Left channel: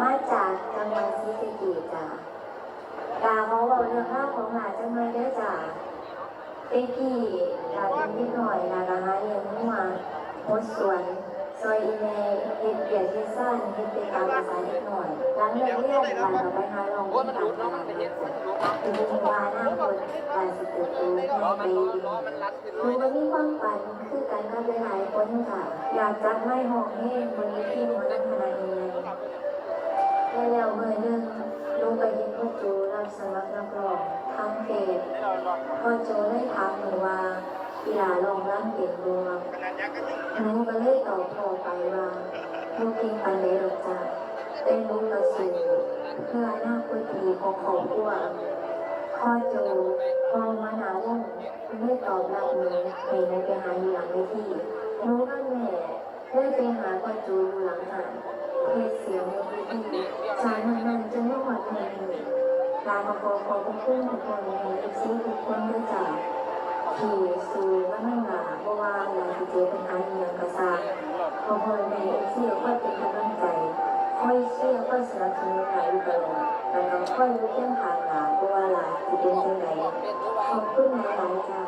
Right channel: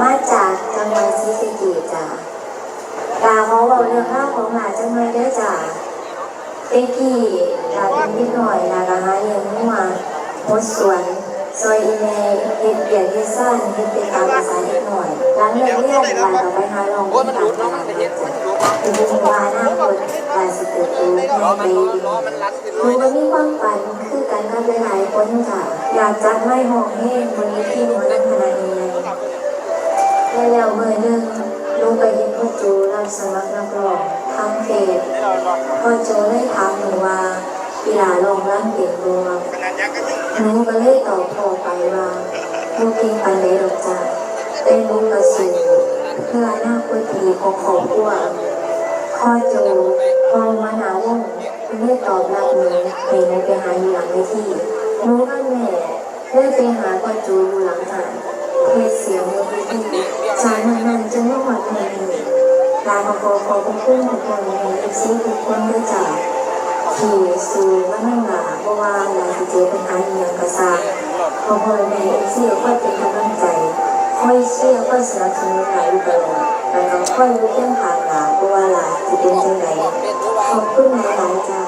มาจากจังหวัดศรีสะเกษจ้าตาเขาบอกเรื่องราวของหลานจังเลยเด้จ้าเต็กกี้ลาเป็นนิดหน่อยลากะหาเลี้ยงหัวหดสวนซอยอีเมลเฮ็ดเบียดเฮ็ดซ่านเฮ็ดเป็นตามภาษาเล็กหน่อยหลังเลิกเรียนลาเราไปหาลองโอ้ยมันตามดตเนาะลามันดจะนัเห็ดนจ้ะมันดูดคือว่าหน้าคนลาสิเกิดตัวแม่ล้อไปมันดีล้อมันลันขึ้นหเลนูยก็มีความฝันคือการทำหลายๆคนค่ะอยากจัดไม่ห้องเฮงบนนี้ที่มอลำคณะนี้ และแล้วเมื่อหนึ่งลูกไปเห็นพ่อจูรับสมัครนักร้องทางเฟซพ่อจูได้ถามหนูว่ากีฬาลองร่างเก่งบัวหนูก็เลยตอบพ่อไปว่าลูกเก่งปันใดอกจ้ะเป็นลูกกระสูเพื่ออนาคตที่ดีของครอบครัวพ่อโจพองมาหาวงไม่ตอบรับหนูให้หนูไปหาอยู่หลังเวทีหนูกับแม่เลยไปหาพ่อโจอยู่หลังหานเทศเสียงในเวที จากนั้นนั้นจนว่าหมดเงินลาขอขอขอบคุณทุกคนในเอฟซีทุกคนด้วยจ้ะที่สู้ว่านั่งหลาเพราะว่าหลาทีเจอปัญหาอหย่างกระซาพอพอในเอฟซีก็เป็นกำลังใจ ค่อยเชื่อค่อยสนับสนุนหลายอยู่ตลอดแล้วก็ค่อยรู้เรื่องทางหลาเพราะว่าหลาจะเป็นจังไดขอบคุณหลายๆจ้า